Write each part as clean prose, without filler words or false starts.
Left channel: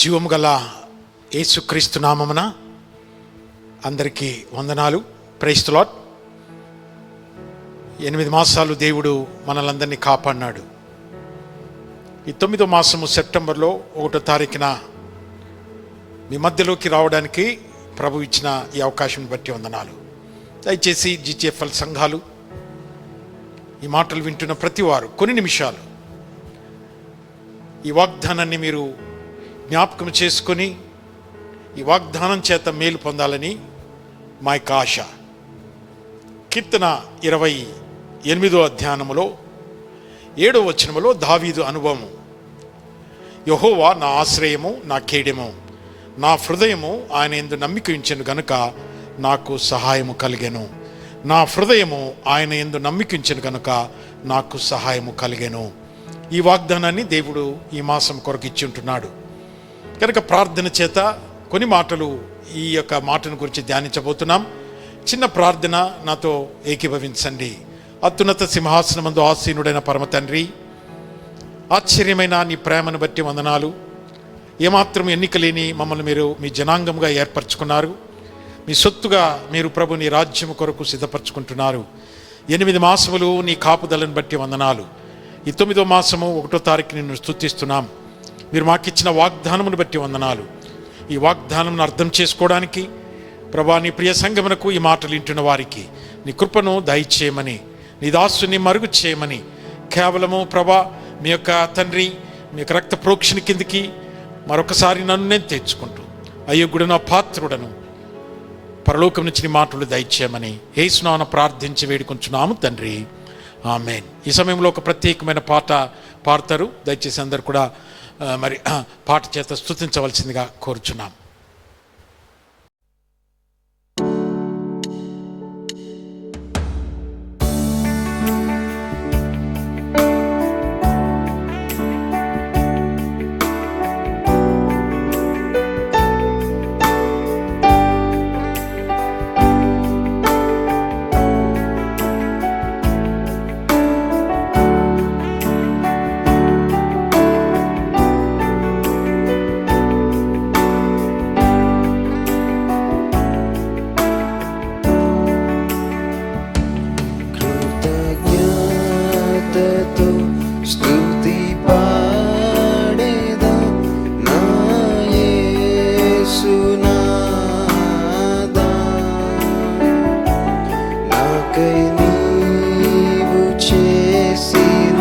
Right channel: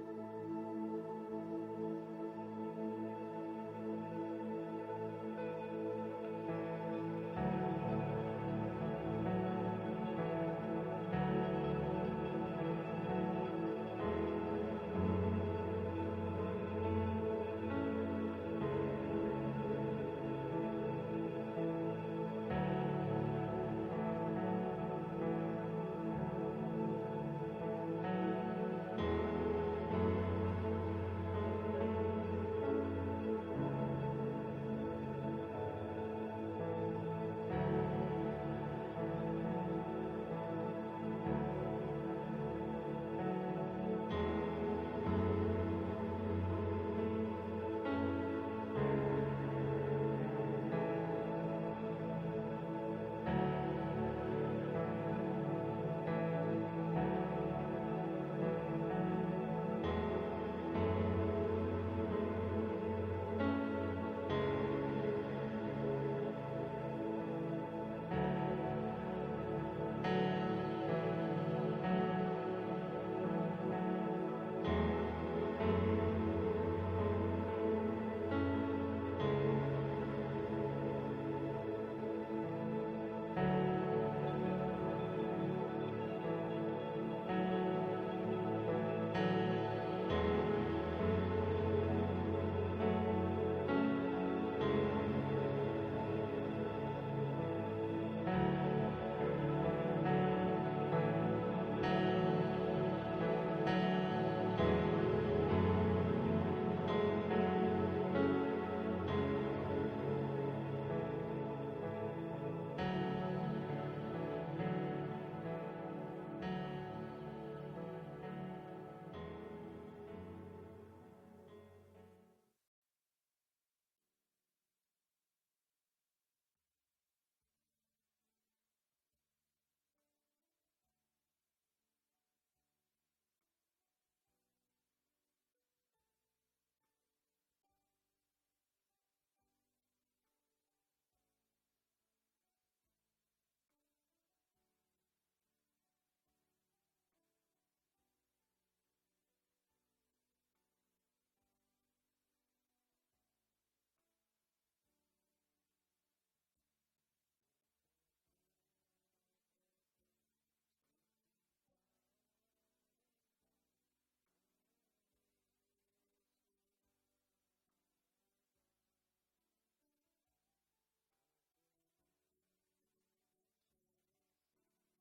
జీవము గల యేసుక్రీస్తు నామమున అందరికీ వందనాలు. Praise the lord. 8 మాసాలు దేవుడు మనలందరినీ కాపాడినాడు. ఈ 9వ మాసము సెప్టెంబర్లో 1వ తారీఖున మీ మధ్యలోకి రావడానికి ప్రభు ఇచ్చిన ఈ అవకాశం బట్టి వందనాలు. దయచేసి GTFL సంఘాలు, ఈ మాటలు వింటున్న ప్రతి వారు కొన్ని నిమిషాలు ఈ వాగ్దానాన్ని మీరు జ్ఞాపకం చేసుకొని ఈ వాగ్దానం చేత మేలు పొందాలని మా యొక్క ఆశ. కీర్తన 28వ అధ్యాయములో 7వ వచనములో దావీదు అనుభవం. యెహోవా నా ఆశ్రయము, నా కేడెము, నా హృదయము ఆయన యందు నమ్మిక ఉంచెను గనుక నాకు సహాయము కలిగెను. నా హృదయము ఆయన యందు నమ్మిక ఉంచెను గనుక నాకు సహాయము కలిగెను. ఈ వాగ్దానాన్ని దేవుడు ఈ మాసం కొరకు ఇచ్చి ఉంటున్నాడు కనుక ప్రార్థన చేత కొన్ని మాటలు ఈ యొక్క మాటను గురించి ధ్యానించబోతున్నాం. చిన్న ప్రార్థన నాతో ఏకీభవించండి. అత్యున్నత సింహాసనమందు ఆసీనుడైన పరమ తండ్రి, ఆశ్చర్యమైన నీ ప్రేమను బట్టి వందనాలు. ఏమాత్రం ఎన్నిక లేని మమ్మల్ని మీరు మీ జనాంగంగా ఏర్పరచుకున్నారు. మీ సొత్తుగా మీరు ప్రభు నీ రాజ్యం కొరకు సిద్ధపరచుకుంటున్నారు. 8 మాసములు నీ కాపుదలను బట్టి వందనాలు. ఈ 9వ మాసము 1వ తారీఖు నిన్ను స్తుతిస్తున్నాం. మీరు మాకిచ్చిన వాగ్దానమును బట్టి వందనాలు. ఈ వాగ్దానం అర్థం చేసుకోవడానికి ప్రభా నీ ప్రియ సంఘమునకు ఈ మాటలు వింటున్న వారికి నీ కృపను దయచేయమని, నీ దాసుని మరుగు చేయమని, కేవలము ప్రభా మీ యొక్క తండ్రి మీ యొక్క రక్త ప్రోక్షణ కిందికి మరొకసారి నన్ను నేను తెచ్చుకుంటూ అయోగ్యుడను పాత్రుడను పరలోకం నుంచి నీ మాటలు దయచేయమని యేసు నామమున ప్రార్థించి వేడుకొంచున్నాము తండ్రి, ఆమేన్. ఈ సమయంలో ఒక ప్రత్యేకమైన పాట పాడతారు. దయచేసి అందరు కూడా మరి పాట చేత స్తుతించవలసిందిగా కోరుచున్నాం. నాకై నీవు చేసిన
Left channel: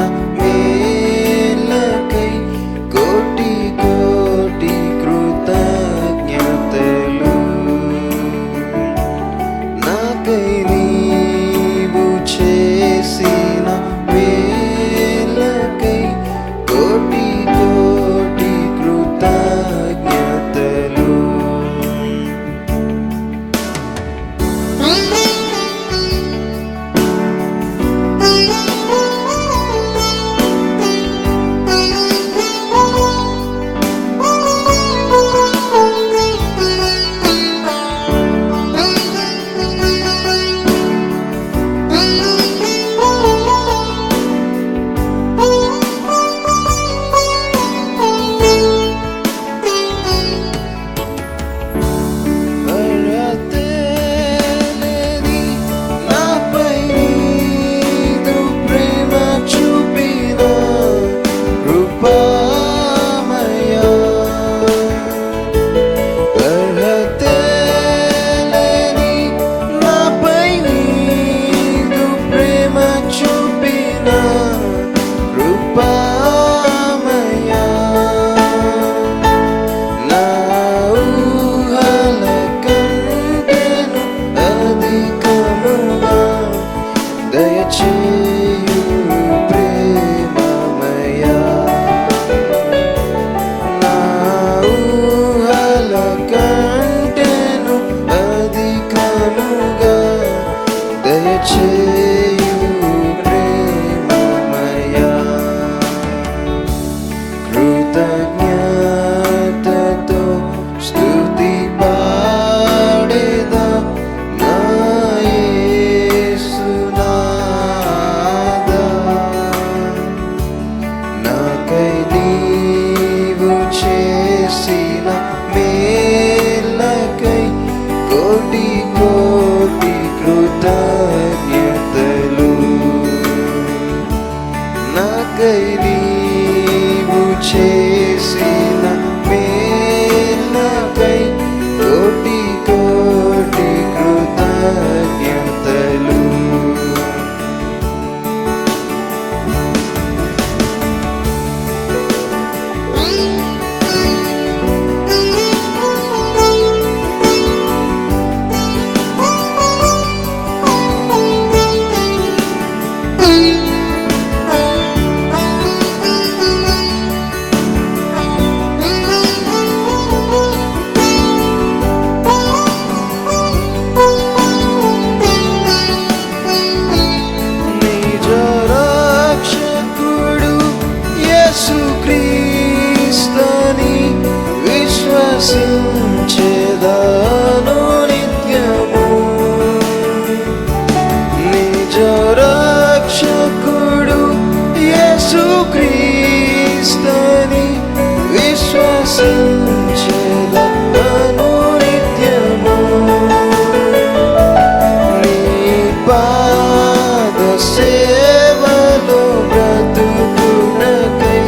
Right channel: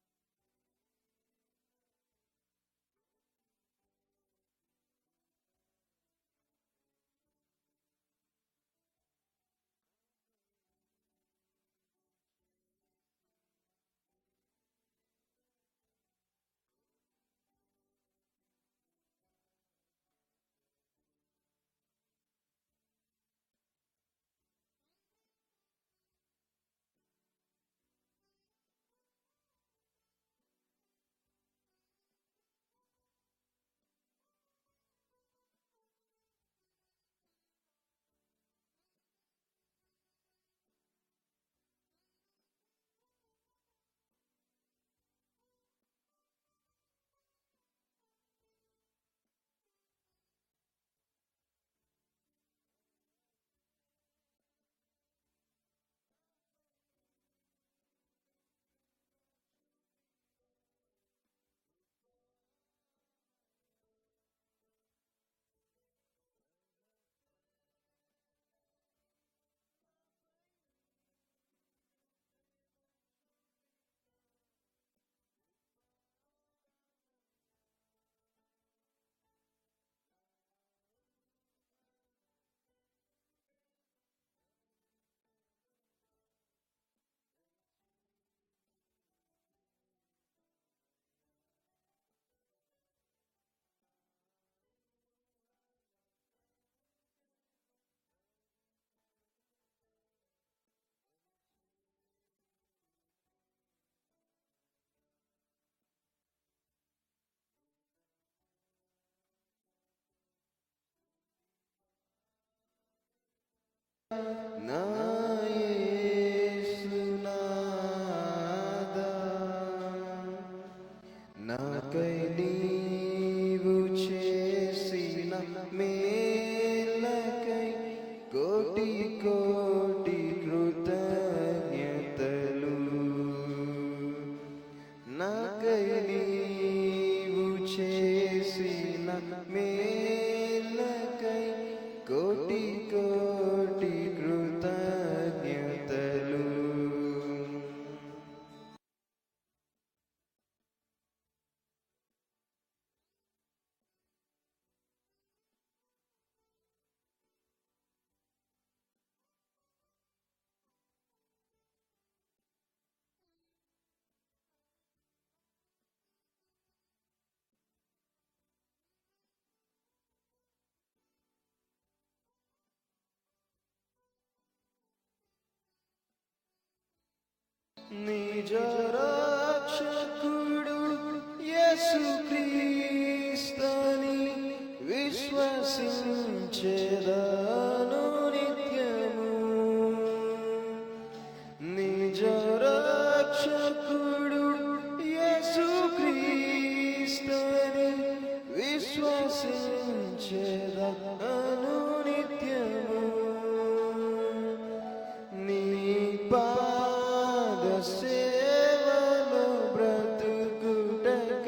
సేవలో బ్రతుకునకై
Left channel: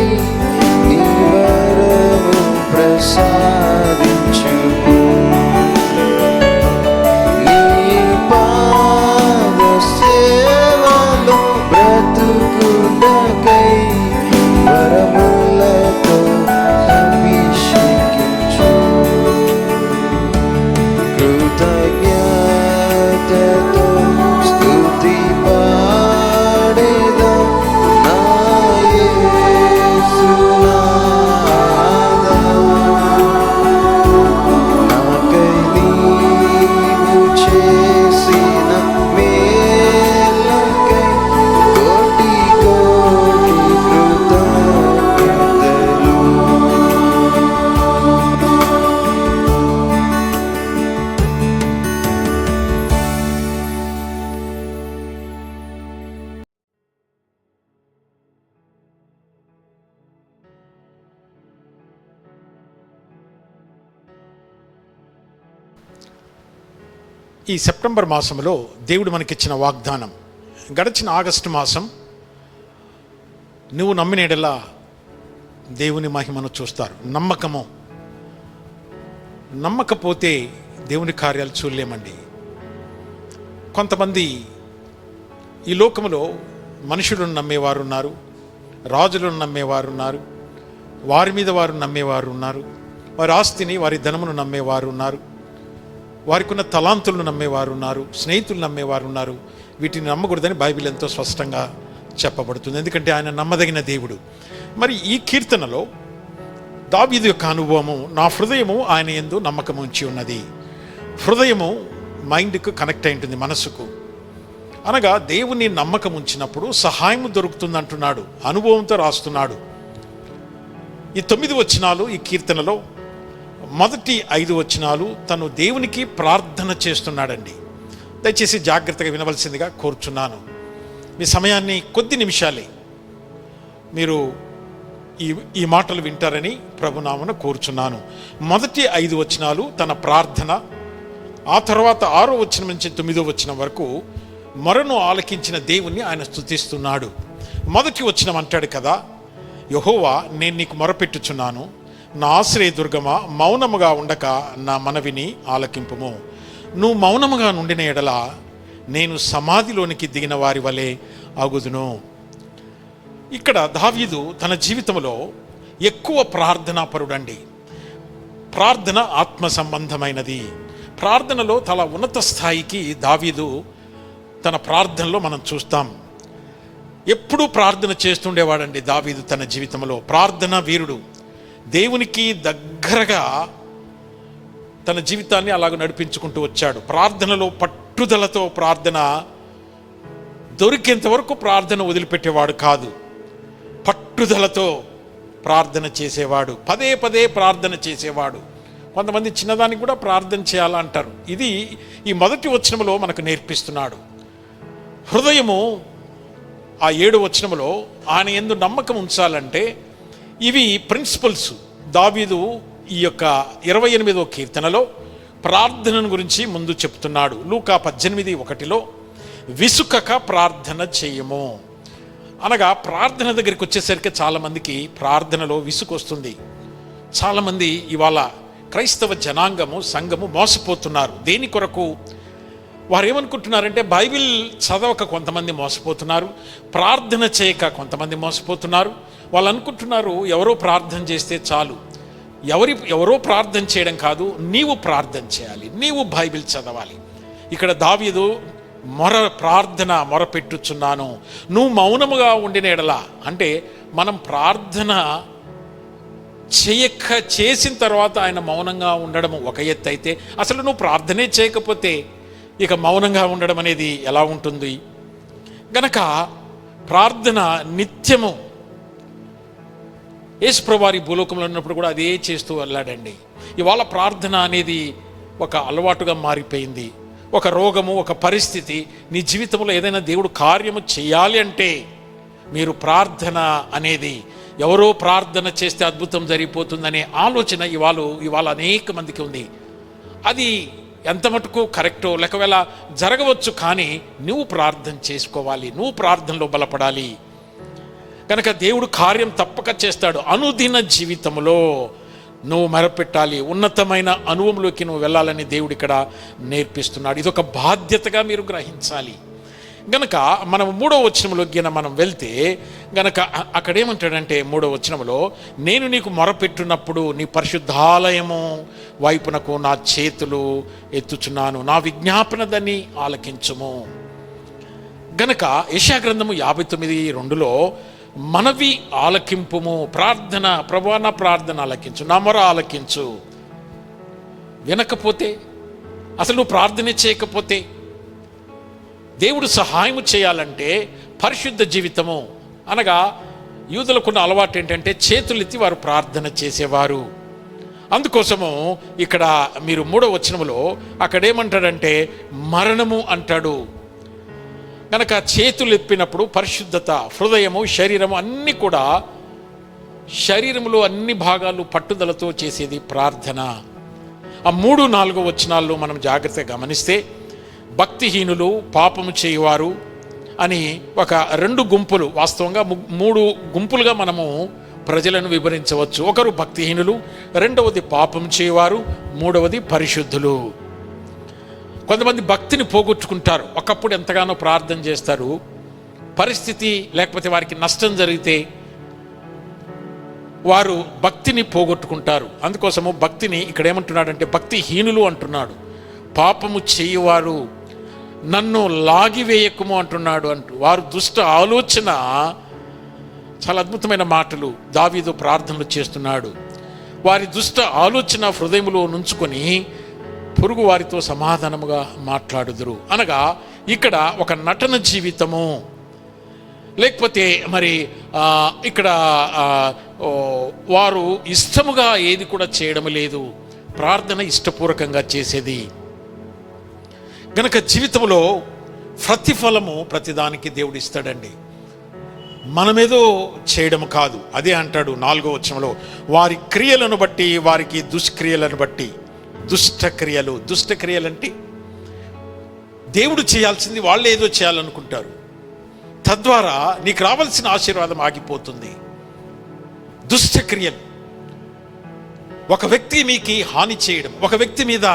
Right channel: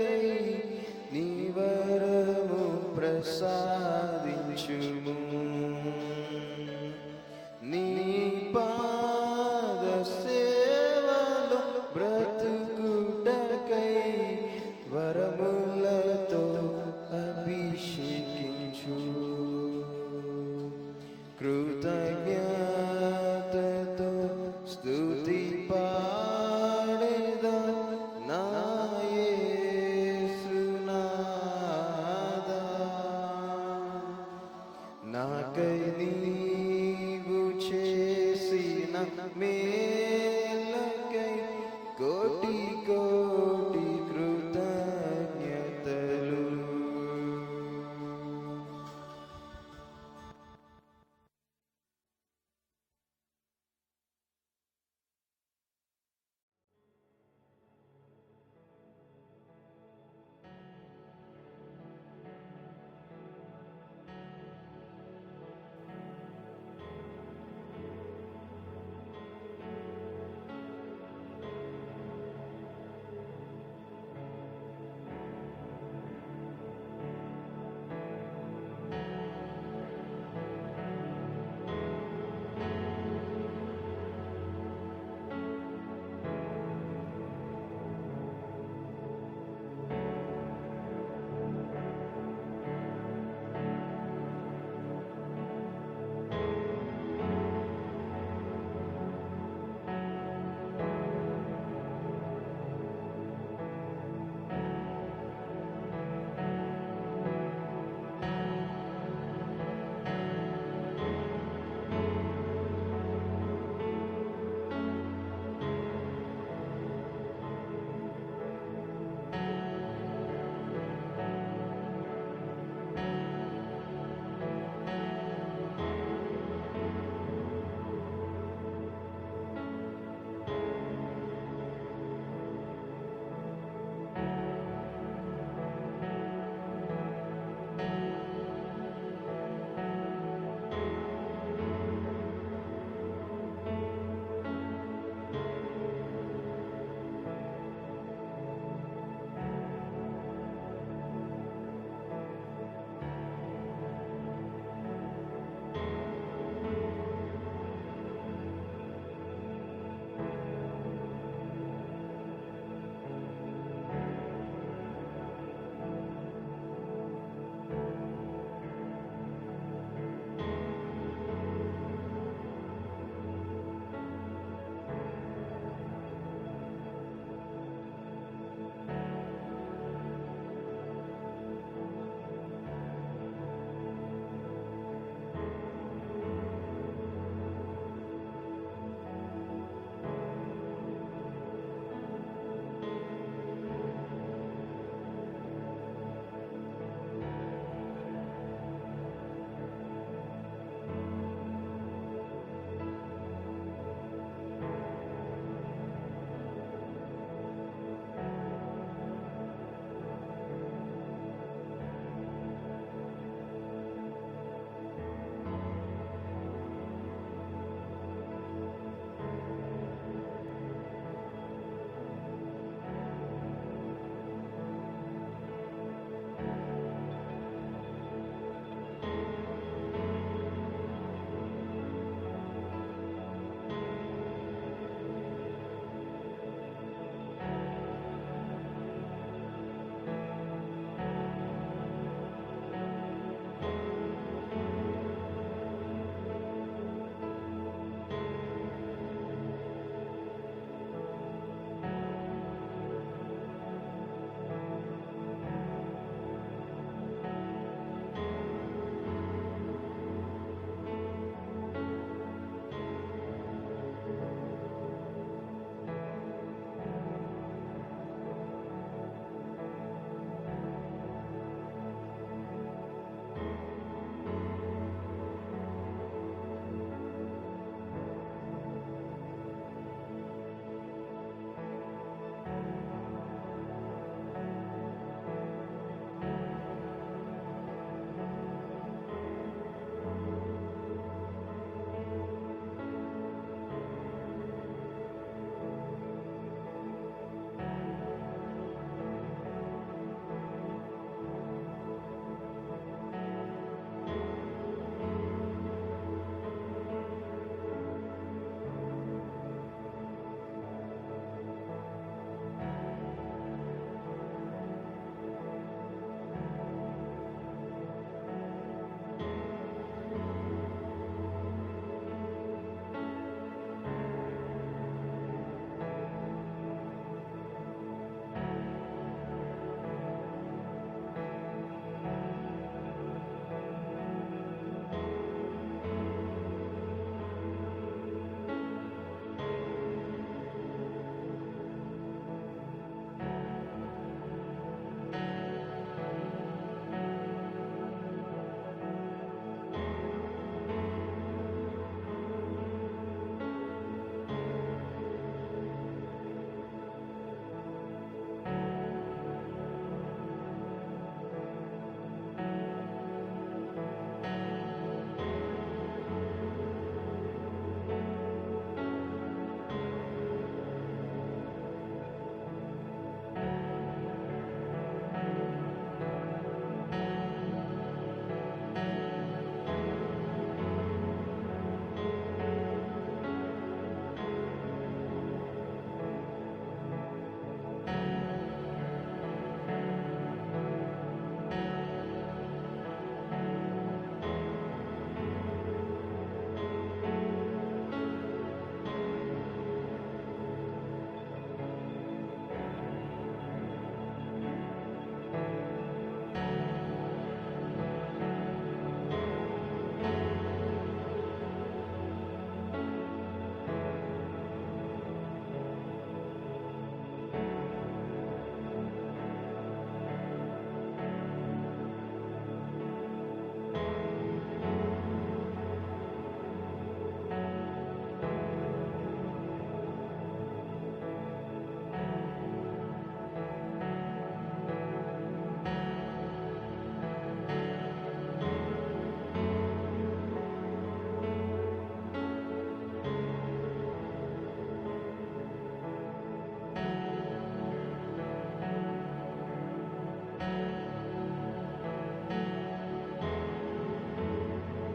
నీ వరము ప్రసాదించుము. నీ పాద సేవలో బ్రతుకునకై వరములతో అభిషేకించు. కృతజ్ఞతతో స్తుతి పాడెదా నా యేసునాథా. నాకై నీవు చేసిన మేలకై కోటి కోటి కృతజ్ఞతలు. ఈ సెప్టెంబర్ మాసంలో దేవుడు మనకిచ్చిన వాగ్దానం, గడిచిన ఆగస్టు మాసం నువ్వు నమ్మిన యెడల దేవుని మహిమను చూస్తారు. నమ్మకపోతే దేవుని కార్యాలు చూడలేమండి. కొంతమంది ఈ లోకములో మనుషులను నమ్మేవారు ఉన్నారు, రాజులను నమ్మేవారు ఉన్నారు, వారి మీద వారు నమ్మేవారు ఉన్నారు, వారి ఆస్తిని వారి ధనమును నమ్మేవారు ఉన్నారు, వారికి ఉన్న తలాంతులను నమ్మేవారు ఉన్నారు, స్నేహితులు నమ్మేవారు ఉన్నారు. వీటిని నమ్మకూడదని బైబిల్ ఎంతో స్పష్టంగా చెప్పబడుతుంది, ఎందుకంటే ఆయన నమ్మదగిన దేవుడు. మరి ఈ కీర్తనలో దావీదు యొక్క అనుభవము, నా హృదయము ఆయన యందు నమ్మకం ఉంచి ఉన్నది. హృదయము మైండ్కు కనెక్ట్ అయి ఉంటుంది, మనసుకు. అనగా దేవుని నమ్మకం ఉంచినప్పుడు సహాయం దొరుకుతుంది అంటున్నాడు, అనుభవంతో రాస్తున్నాడు. ఈ 9 వచనాలు ఈ కీర్తనలో మొదటి 5 వచనాలు తను దేవునికి ప్రార్థన చేస్తున్నాడండి. దయచేసి జాగ్రత్తగా వినవలసిందిగా కోరుచున్నాను. మీ సమయాన్ని కొద్ది నిమిషాలే మీరు ఈ మాటలు వింటారని ప్రభునామన కోరుచున్నాను. మొదటి 5 వచనాలు తన ప్రార్థన, ఆ తర్వాత 6వ వచనం నుంచి 9వ వచనం వరకు మొరను ఆలకించిన దేవుణ్ణి ఆయన స్తుతిస్తున్నాడు. మొదటి వచనం అంటాడు కదా, యెహోవా నేను నీకు మొరపెట్టుచున్నాను, నా ఆశ్రయదుర్గమా మౌనముగా ఉండక నా మనవిని ఆలకింపుము. నువ్వు మౌనముగా నుండిన ఎడల నేను సమాధిలోనికి దిగిన వారి వలె అగుదును. ఇక్కడ దావీదు తన జీవితంలో ఎక్కువ ప్రార్థనాపరుడండి. ప్రార్థన ఆత్మ సంబంధమైనది. ప్రార్థనలో చాలా ఉన్నత స్థాయికి దావీదు తన ప్రార్థనలో మనం చూస్తాం. ఎప్పుడూ ప్రార్థన చేస్తుండేవాడండి దావీదు. తన జీవితంలో ప్రార్థన వీరుడు, దేవునికి దగ్గరగా తన జీవితాన్ని అలాగ నడిపించుకుంటూ వచ్చాడు. ప్రార్థనలో పట్టుదలతో ప్రార్థన, దొరికేంత వరకు ప్రార్థన వదిలిపెట్టేవాడు కాదు. పట్టుదలతో ప్రార్థన చేసేవాడు, పదే పదే ప్రార్థన చేసేవాడు. కొంతమంది చిన్నదానికి కూడా ప్రార్థన చేయాలంటారు. ఇది ఈ మొదటి వచనంలో మనకు నేర్పిస్తున్నాడు. హృదయము ఆ 7వ వచనంలో ఆయన యందు నమ్మకం ఉంచాలంటే ఇవి ప్రిన్సిపల్స్. దావీదు ఈ యొక్క 28వ కీర్తనలో ప్రార్థన గురించి ముందు చెప్తున్నాడు. లూకా 18:1 విసుకక ప్రార్థన చేయము. అనగా ప్రార్థన దగ్గరికి వచ్చేసరికి చాలామందికి ప్రార్థనలో విసుగు వస్తుంది. చాలామంది ఇవాళ క్రైస్తవ జనాంగము, సంఘము మోసపోతున్నారు. దేని కొరకు? వారు ఏమనుకుంటున్నారంటే బైబిల్ చదవక కొంతమంది మోసపోతున్నారు, ప్రార్థన చేయక కొంతమంది మోసపోతున్నారు. వాళ్ళు అనుకుంటున్నారు ఎవరో ప్రార్థన చేస్తే చాలు. ఎవరో ప్రార్థన చేయడం కాదు, నీవు ప్రార్థన చేయాలి, నీవు బైబిల్ చదవాలి. ఇక్కడ దావీదు మొరపెట్టుచున్నాను, నువ్వు మౌనముగా ఉండిన ఎడల. అంటే మనం ప్రార్థన చేసిన తర్వాత ఆయన మౌనంగా ఉండడం ఒక ఎత్తు అయితే, అసలు నువ్వు ప్రార్థనే చేయకపోతే ఇక మౌనంగా ఉండడం అనేది ఎలా ఉంటుంది? గనక ప్రార్థన నిత్యము. యేసుప్రభువారి భూలోకంలో ఉన్నప్పుడు కూడా అదే చేస్తూ వెళ్ళాడండి. ఇవాళ ప్రార్థన అనేది ఒక అలవాటుగా మారిపోయింది. ఒక రోగము, ఒక పరిస్థితి నీ జీవితంలో ఏదైనా దేవుడు కార్యము చేయాలి అంటే మీరు ప్రార్థన అనేది, ఎవరో ప్రార్థన చేస్తే అద్భుతం జరిగిపోతుందనే ఆలోచన ఇవాళ అనేక మందికి ఉంది. అది ఎంత మటుకు కరెక్టో లేకవేళ జరగవచ్చు, కానీ నువ్వు ప్రార్థన చేసుకోవాలి, నువ్వు ప్రార్థనలో బలపడాలి. కనుక దేవుడు కార్యం తప్పక చేస్తాడు. అనుదిన జీవితంలో నువ్వు మొరపెట్టాలి, ఉన్నతమైన అనుభవంలోకి నువ్వు వెళ్ళాలని దేవుడు ఇక్కడ నేర్పిస్తున్నాడు. ఇదొక బాధ్యతగా మీరు గ్రహించాలి. గనక మనం 3వ వచనంలోకి మనం వెళ్తే గనక అక్కడేమంటాడంటే 3వ వచనంలో, నేను నీకు మొరపెట్టున్నప్పుడు నీ పరిశుద్ధాలయము వైపునకు నా చేతులు ఎత్తుచున్నాను, నా విజ్ఞాపన దాన్ని ఆలకించుము. గనక యెషయా గ్రంథము 59:2లో మనవి ఆలకింపుము, ప్రార్థన, ప్రభువా నా ప్రార్థన ఆలకించు, నా మొర ఆలకించు. వినకపోతే, అసలు నువ్వు ప్రార్థన చేయకపోతే, దేవుడు సహాయం చేయాలంటే పరిశుద్ధ జీవితము అనగా యూదులకున్న అలవాటు ఏంటంటే చేతులెత్తి వారు ప్రార్థన చేసేవారు. అందుకోసము ఇక్కడ మీరు 3వ వచనములో అక్కడేమంటాడంటే మరణము అంటాడు. కనుక చేతులు ఎప్పినప్పుడు పరిశుద్ధత, హృదయము, శరీరము అన్నీ కూడా, శరీరంలో అన్ని భాగాలు పట్టుదలతో చేసేది ప్రార్థన. ఆ 3, 4 వచనాల్లో మనం జాగ్రత్తగా గమనిస్తే భక్తిహీనులు, పాపము చేయువారు అని ఒక 2 గుంపులు, వాస్తవంగా 3 గుంపులుగా మనము ప్రజలను వివరించవచ్చు. ఒకరు భక్తిహీనులు, రెండవది పాపం చేయువారు, మూడవది పరిశుద్ధులు. కొంతమంది భక్తిని పోగొట్టుకుంటారు. ఒకప్పుడు ఎంతగానో ప్రార్థన చేస్తారు, పరిస్థితి లేకపోతే వారికి నష్టం జరిగితే వారు భక్తిని పోగొట్టుకుంటారు. అందుకోసము భక్తిని ఇక్కడ ఏమంటున్నాడంటే భక్తిహీనులు అంటున్నాడు. పాపము చేయువారు, నన్ను లాగివేయకుము అంటున్నాడు. వారు దుష్ట ఆలోచన, చాలా అద్భుతమైన మాటలు దావీదు ప్రార్థనలు చేస్తున్నాడు. వారి దుష్ట ఆలోచన హృదయములో నుంచుకొని పొరుగు వారితో సమాధానముగా మాట్లాడుదురు. అనగా ఇక్కడ ఒక నటన జీవితము, లేకపోతే మరి ఇక్కడ వారు ఇష్టముగా ఏది కూడా చేయడం లేదు, ప్రార్థన ఇష్టపూర్వకంగా చేసేది. గనక జీవితంలో ప్రతిఫలము ప్రతిదానికి దేవుడు ఇస్తాడండి, మనమేదో చేయడం కాదు. అదే అంటాడు 4వ వచనంలో, వారి క్రియలను బట్టి వారికి దుష్క్రియలను బట్టి. దుష్టక్రియలు, దుష్టక్రియలంటే దేవుడు చేయాల్సింది వాళ్ళు ఏదో చేయాలనుకుంటారు, తద్వారా నీకు రావాల్సిన ఆశీర్వాదం ఆగిపోతుంది. దుష్టక్రియలు, ఒక వ్యక్తి మీకు హాని చేయడం, ఒక వ్యక్తి మీద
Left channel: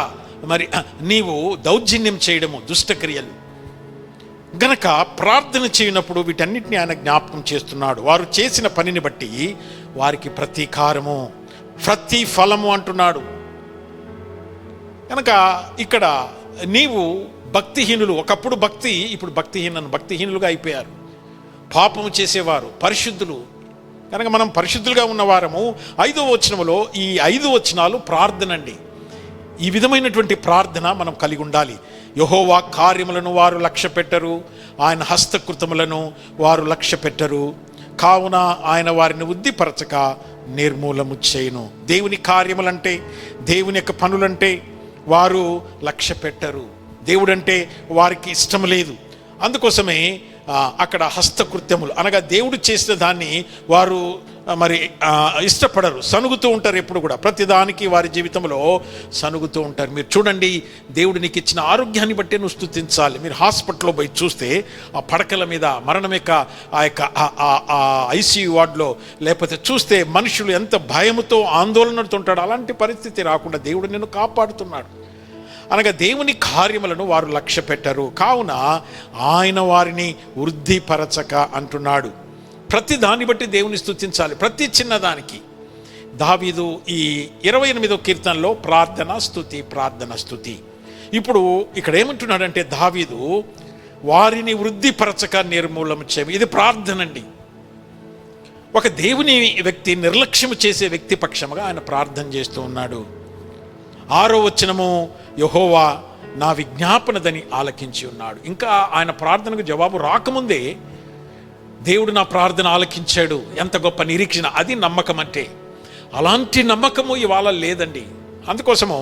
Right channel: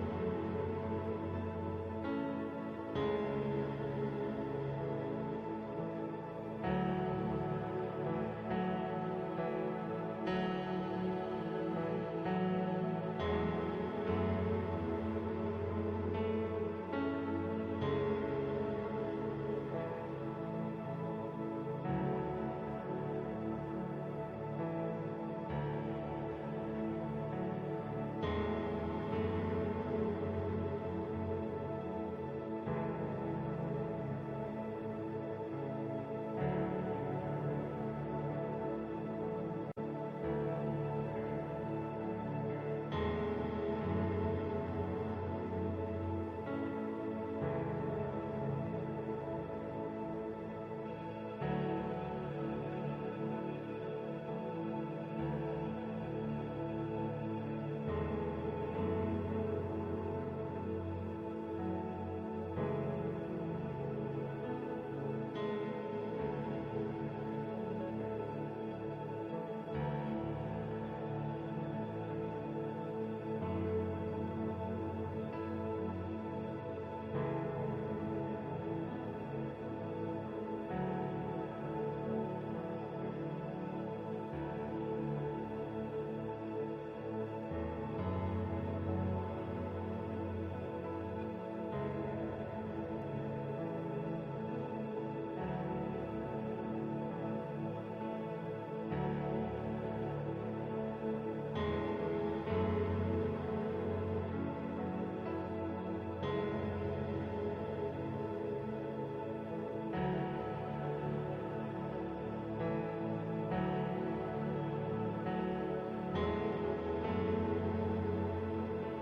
మరి నీవు దౌర్జన్యం చేయడము దుష్టక్రియలు. గనక ప్రార్థన చేయనప్పుడు వీటన్నిటిని ఆయన జ్ఞాపకం చేస్తున్నాడు. వారు చేసిన పనిని బట్టి వారికి ప్రతీకారము, ప్రతిఫలము అంటున్నాడు. కనుక ఇక్కడ నీవు భక్తిహీనులు, ఒకప్పుడు భక్తి, ఇప్పుడు భక్తిహీనులుగా అయిపోయారు. పాపము చేసేవారు, పరిశుద్ధులు. కనుక మనం పరిశుద్ధులుగా ఉన్నవారము. 5వ వచనములో ఈ 5 వచనాలు ప్రార్థన అండి. ఈ విధమైనటువంటి ప్రార్థన మనం కలిగి ఉండాలి. యెహోవా కార్యములను వారు లక్ష్య పెట్టరు, ఆయన హస్తకృతములను వారు లక్ష్య పెట్టరు, కావున ఆయన వారిని ఉద్దిపరచక నిర్మూలము చేయును. దేవుని కార్యములంటే, దేవుని యొక్క పనులంటే వారు లక్ష్య పెట్టరు. దేవుడంటే వారికి ఇష్టం లేదు. అందుకోసమే అక్కడ హస్తకృత్యములు అనగా దేవుడు చేసిన దాన్ని వారు మరి ఇష్టపడరు, సనుగుతూ ఉంటారు. ఎప్పుడు కూడా ప్రతిదానికి వారి జీవితంలో సనుగుతూ ఉంటారు. మీరు చూడండి, దేవుడు నీకు ఇచ్చిన ఆరోగ్యాన్ని బట్టే నువ్వు స్తుతించాలి. మీరు హాస్పిటల్లో పోయి చూస్తే ఆ పడకల మీద మరణం యొక్క ఆ యొక్క ఐసీయూ వార్డులో లేకపోతే చూస్తే మనుషులు ఎంత భయముతో ఆందోళనతో ఉంటాడు. అలాంటి పరిస్థితి రాకుండా దేవుడు నిన్ను కాపాడుతున్నాడు. అనగా దేవుని కార్యములను వారు లక్ష్య పెట్టరు, కావున ఆయన వారిని వృద్ధిపరచక అంటున్నాడు. ప్రతి దాన్ని బట్టి దేవుని స్తుతించాలి, ప్రతి చిన్నదానికి. దావీదు ఈ 28వ కీర్తనలో ప్రార్థన స్తుతి, ప్రార్థన స్తుతి. ఇప్పుడు ఇక్కడ ఏమంటున్నాడంటే దావీదు వారిని వృద్ధిపరచక నిర్మూలన చేయి. ఇది ప్రార్థన అండి. ఒక దేవుని వ్యక్తి నిర్లక్ష్యం చేసే వ్యక్తి పక్షముగా ఆయన ప్రార్థన చేస్తూ ఉన్నాడు. 6వ వచనము, యెహోవా నా విజ్ఞాపనదని ఆలకించి ఉన్నాడు. ఇంకా ఆయన ప్రార్థనకు జవాబు రాకముందే దేవుడు నా ప్రార్థన ఆలకించాడు. ఎంత గొప్ప నిరీక్షణ! అది నమ్మకం అంటే. అలాంటి నమ్మకము ఇవాళ లేదండి. అందుకోసము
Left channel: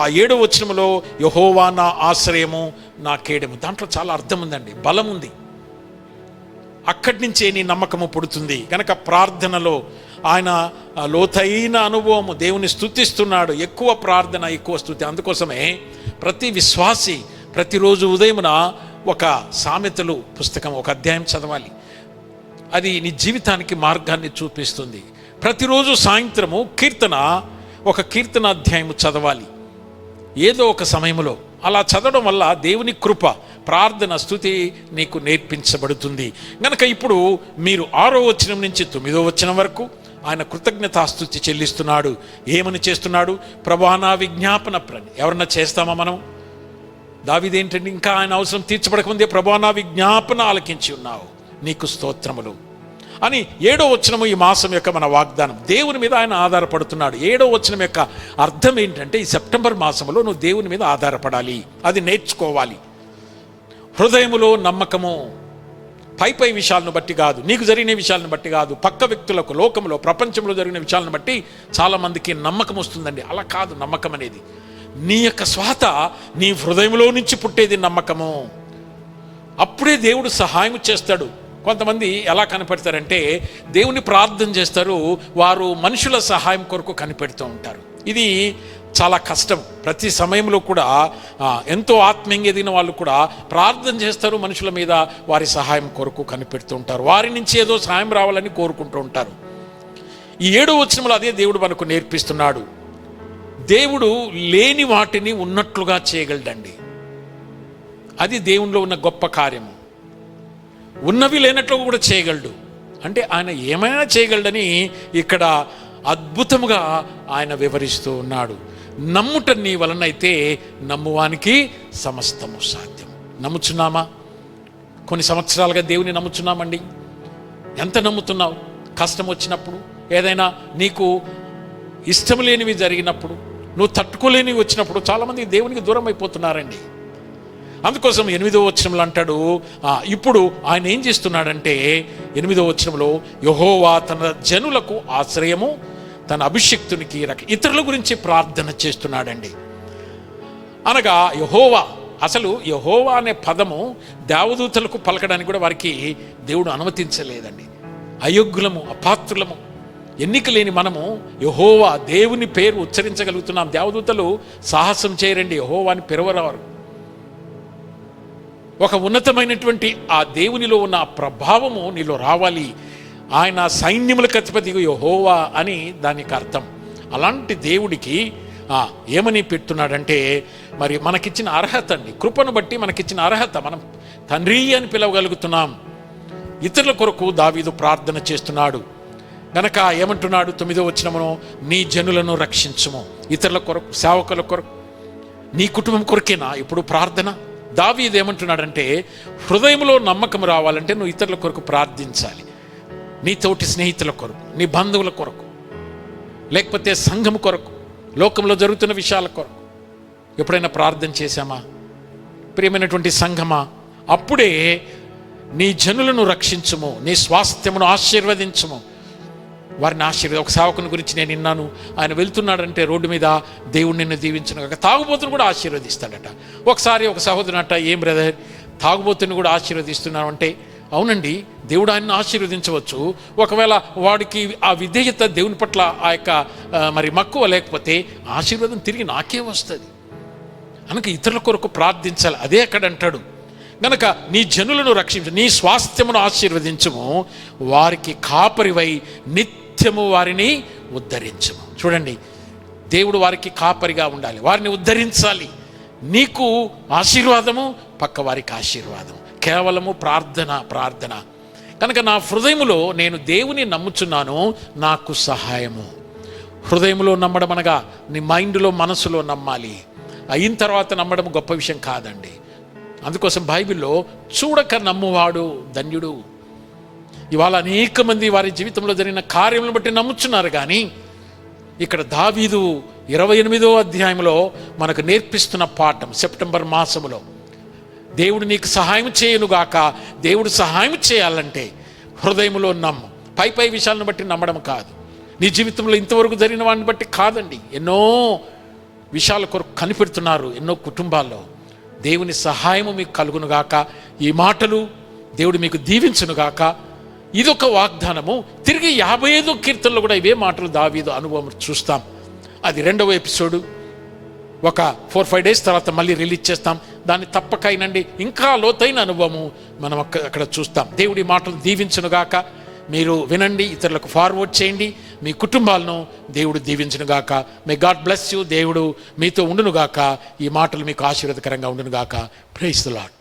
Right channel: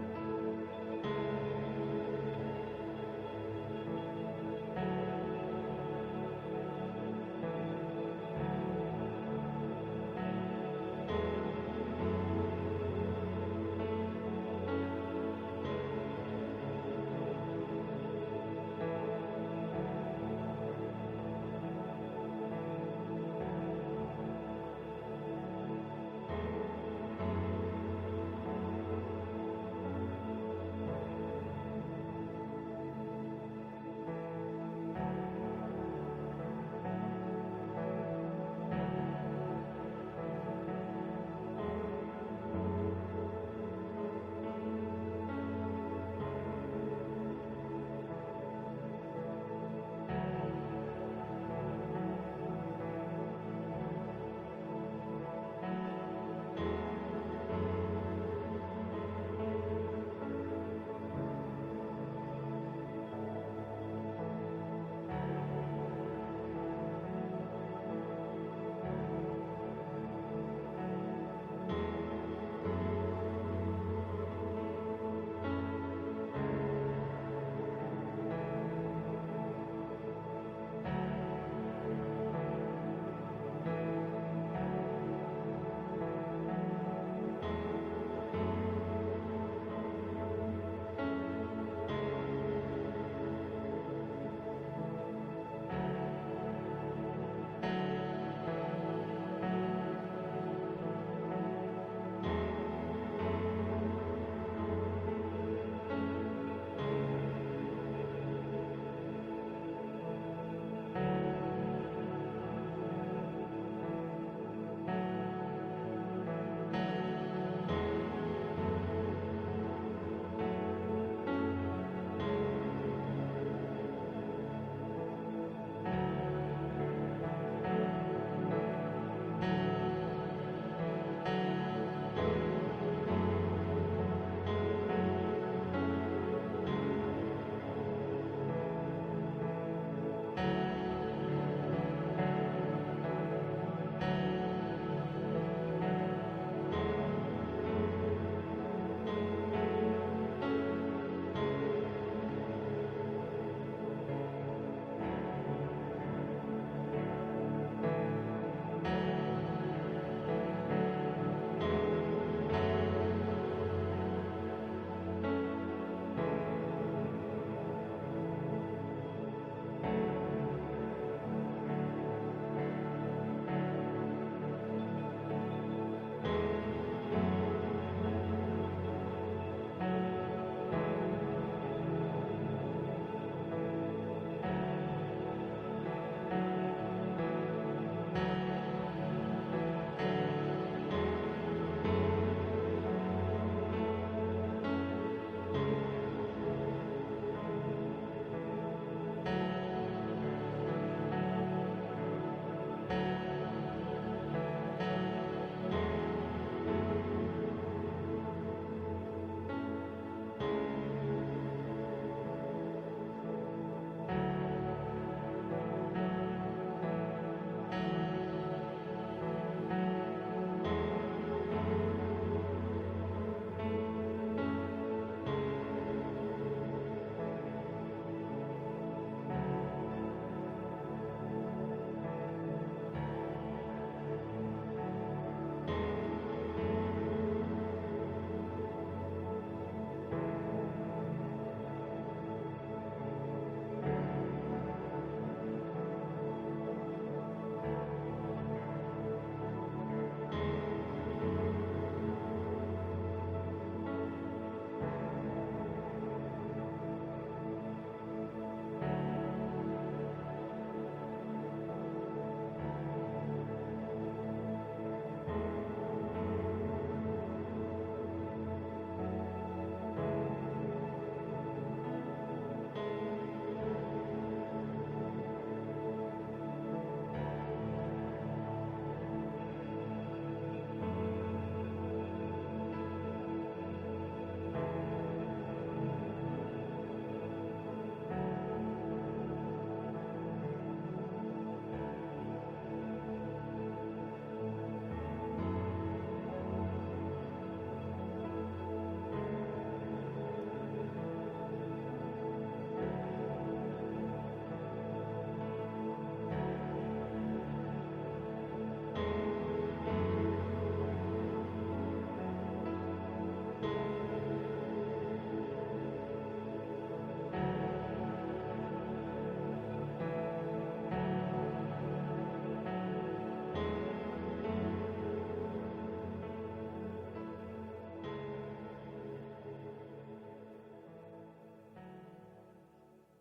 ఆ 7వ వచనములో యెహోవా నా ఆశ్రయము, నా కేడము, దాంట్లో చాలా అర్థం ఉందండి, బలం ఉంది. అక్కడి నుంచే నీ నమ్మకము పుడుతుంది. కనుక ప్రార్థనలో ఆయన లోతైన అనుభవము, దేవుని స్తుతిస్తున్నాడు. ఎక్కువ ప్రార్థన, ఎక్కువ స్తుతి. అందుకోసమే ప్రతి విశ్వాసి ప్రతిరోజు ఉదయమున ఒక సామెతలు పుస్తకం, ఒక అధ్యాయం చదవాలి. అది నీ జీవితానికి మార్గాన్ని చూపిస్తుంది. ప్రతిరోజు సాయంత్రము ఒక కీర్తన అధ్యాయము చదవాలి ఏదో ఒక సమయంలో. అలా చదవడం వల్ల దేవుని కృప, ప్రార్థన, స్తుతి నీకు నేర్పించబడుతుంది. గనక ఇప్పుడు మీరు 6వ వచనం నుంచి 9వ వచనం వరకు ఆయన కృతజ్ఞతాస్తుతి చెల్లిస్తున్నాడు. ఏమని చేస్తున్నాడు? ప్రభువా నా విజ్ఞాపన ఎవరన్నా చేస్తామా మనం? దావీదేంటండి, ఇంకా ఆయన అవసరం తీర్చబడకముందే ప్రభువా నా విజ్ఞాపన ఆలకించి ఉన్నావు, నీకు స్తోత్రములు అని 7వ వచనము ఈ మాసం యొక్క మన వాగ్దానం. దేవుని మీద ఆయన ఆధారపడుతున్నాడు. 7వ వచనం యొక్క అర్థం ఏంటంటే, ఈ సెప్టెంబర్ మాసంలో నువ్వు దేవుని మీద ఆధారపడాలి, అది నేర్చుకోవాలి. హృదయములో నమ్మకము, పై విషయాలను బట్టి కాదు, నీకు జరిగిన విషయాలను బట్టి కాదు, పక్క వ్యక్తులకు, లోకంలో, ప్రపంచంలో జరిగిన విషయాలను బట్టి చాలామందికి నమ్మకం వస్తుందండి. అలా కాదు. నమ్మకం అనేది నీ యొక్క స్వాత నీ హృదయంలో నుంచి పుట్టేది నమ్మకము. అప్పుడే దేవుడు సహాయం చేస్తాడు. కొంతమంది ఎలా కనిపెడతారంటే, దేవుని ప్రార్థన చేస్తారు, వారు మనుషుల సహాయం కొరకు కనిపెడుతూ ఉంటారు. ఇది చాలా కష్టం. ప్రతి సమయంలో కూడా ఎంతో ఆత్మీయంగా ఎదిగిన వాళ్ళు కూడా ప్రార్థన చేస్తారు, మనుషుల మీద వారి సహాయం కొరకు కనిపెడుతూ ఉంటారు, వారి నుంచి ఏదో సహాయం రావాలని కోరుకుంటూ ఉంటారు. ఈ 7వ వచనంలో అదే దేవుడు మనకు నేర్పిస్తున్నాడు. దేవుడు లేని వాటిని ఉన్నట్లుగా చేయగలడండి. అది దేవునిలో ఉన్న గొప్ప కార్యము. ఉన్నవి లేనట్లు కూడా చేయగలడు. అంటే ఆయన ఏమైనా చేయగలడని ఇక్కడ అద్భుతముగా ఆయన వివరిస్తూ ఉన్నాడు. నమ్ముట నీ వలనైతే నమ్మువానికి సమస్తము సాధ్యం. నమ్ముచున్నామా? కొన్ని సంవత్సరాలుగా దేవుని నమ్ముచున్నామండి. ఎంత నమ్ముతున్నావు? కష్టం వచ్చినప్పుడు, ఏదైనా నీకు ఇష్టం లేనివి జరిగినప్పుడు, నువ్వు తట్టుకోలేనివి వచ్చినప్పుడు చాలామంది దేవునికి దూరం అయిపోతున్నారండి. అందుకోసం 8వ వచనంలో అంటాడు, ఇప్పుడు ఆయన ఏం చేస్తున్నాడంటే 8వ వచనంలో, యెహోవా తన జనులకు ఆశ్రయము, తన అభిషిక్తునికి ఇతరుల గురించి ప్రార్థన చేస్తున్నాడండి. అనగా యెహోవా, అసలు యెహోవా అనే పదము దేవదూతలకు పలకడానికి కూడా వారికి దేవుడు అనుమతించలేదండి. అయోగ్యులము, అపాత్రులము, ఎన్నిక లేని మనము యెహోవా దేవుని పేరు ఉచ్చరించగలుగుతున్నాం. దేవదూతలు సాహసం చేయరండి, యెహోవాని పిలవరారు. ఒక ఉన్నతమైనటువంటి ఆ దేవునిలో ఉన్న ప్రభావము నీలో రావాలి. ఆయన సైన్యములకు అధిపతి యెహోవా అని దానికి అర్థం. అలాంటి దేవుడికి ఏమని పెడుతున్నాడంటే, మరి మనకిచ్చిన అర్హత అండి, కృపను బట్టి మనకిచ్చిన అర్హత, మనం తండ్రి అని పిలవగలుగుతున్నాం. ఇతరుల కొరకు దావీదు ప్రార్థన చేస్తున్నాడు. గనక ఏమంటున్నాడు 9వ వచనమును, నీ జనులను రక్షించుము. ఇతరుల కొరకు, సేవకుల కొరకు, నీ కుటుంబం కొరకేనా ఇప్పుడు ప్రార్థన? దావీదు ఏమంటున్నాడంటే, హృదయంలో నమ్మకం రావాలంటే నువ్వు ఇతరుల కొరకు ప్రార్థించాలి. నీ తోటి స్నేహితుల కొరకు, నీ బంధువుల కొరకు, లేకపోతే సంఘం కొరకు, లోకంలో జరుగుతున్న విషయాల కొరకు ఎప్పుడైనా ప్రార్థన చేశామా? ప్రియమైనటువంటి సంఘమా, అప్పుడే నీ జనులను రక్షించుము, నీ స్వాస్థ్యమును ఆశీర్వదించుము. వారిని ఒక సేవకుని గురించి నేను విన్నాను, ఆయన వెళ్తున్నాడంటే రోడ్డు మీద, దేవుడు నిన్ను దీవించును, తాగుబోతును కూడా ఆశీర్వదిస్తాడట. ఒకసారి ఒక సహోదరునట, ఏం బ్రదర్ తాగుబోతుని కూడా ఆశీర్వదిస్తున్నావు అంటే, అవునండి, దేవుడు ఆయన్ని ఆశీర్వదించవచ్చు. ఒకవేళ వాడికి ఆ విధేయత, దేవుని పట్ల ఆ యొక్క మరి మక్కువ లేకపోతే ఆశీర్వాదం తిరిగి నాకే వస్తుంది. కనుక ఇతరుల కొరకు ప్రార్థించాలి. అదే అక్కడ అంటాడు. గనక నీ జనులను రక్షించు, నీ స్వాస్థ్యమును ఆశీర్వదించుము, వారికి కాపరివై నిత్యము వారిని ఉద్ధరించుము. చూడండి, దేవుడు వారికి కాపరిగా ఉండాలి, వారిని ఉద్ధరించాలి. నీకు ఆశీర్వాదము, పక్క వారికి ఆశీర్వాదం, కేవలము ప్రార్థన. కనుక నా హృదయములో నేను దేవుని నమ్ముచున్నాను, నాకు సహాయము. హృదయంలో నమ్మడం అనగా నీ మైండ్లో, మనసులో నమ్మాలి. అయిన తర్వాత నమ్మడం గొప్ప విషయం కాదండి. అందుకోసం బైబిల్లో చూడక నమ్మువాడు ధన్యుడు. ఇవాళ అనేక మంది వారి జీవితంలో జరిగిన కార్యములను బట్టి నమ్ముచున్నారు. కానీ ఇక్కడ దావీదు 28వ అధ్యాయంలో మనకు నేర్పిస్తున్న పాఠం, సెప్టెంబర్ మాసములో దేవుడు నీకు సహాయం చేయనుగాక. దేవుడు సహాయం చేయాలంటే హృదయంలో నమ్ము. పై విషయాలను బట్టి నమ్మడం కాదు, నీ జీవితంలో ఇంతవరకు జరిగిన వాడిని బట్టి కాదండి. ఎన్నో విషయాల కొరకు కనిపెడుతున్నారు ఎన్నో కుటుంబాల్లో. దేవుని సహాయము మీకు కలుగునుగాక. ఈ మాటలు దేవుడు మీకు దీవించునుగాక. ఇదొక వాగ్దానము. తిరిగి 55వ కీర్తనలో కూడా ఇవే మాటలు దావీదు అనుభవం చూస్తాం. అది 2వ ఎపిసోడు. ఒక 4-5 డేస్ తర్వాత మళ్ళీ రిలీజ్ చేస్తాం. దాన్ని తప్పక అయినండి, ఇంకా లోతైన అనుభవము మనం అక్కడ చూస్తాం. దేవుడి మాటలు దీవించునుగాక. మీరు వినండి, ఇతరులకు ఫార్వర్డ్ చేయండి, మీ కుటుంబాలను దేవుడు దీవించునుగాక. May God bless you. దేవుడు మీతో ఉండునుగాక. ఈ మాటలు మీకు ఆశీర్వాదకరంగా ఉండునుగాక. Praise the lord.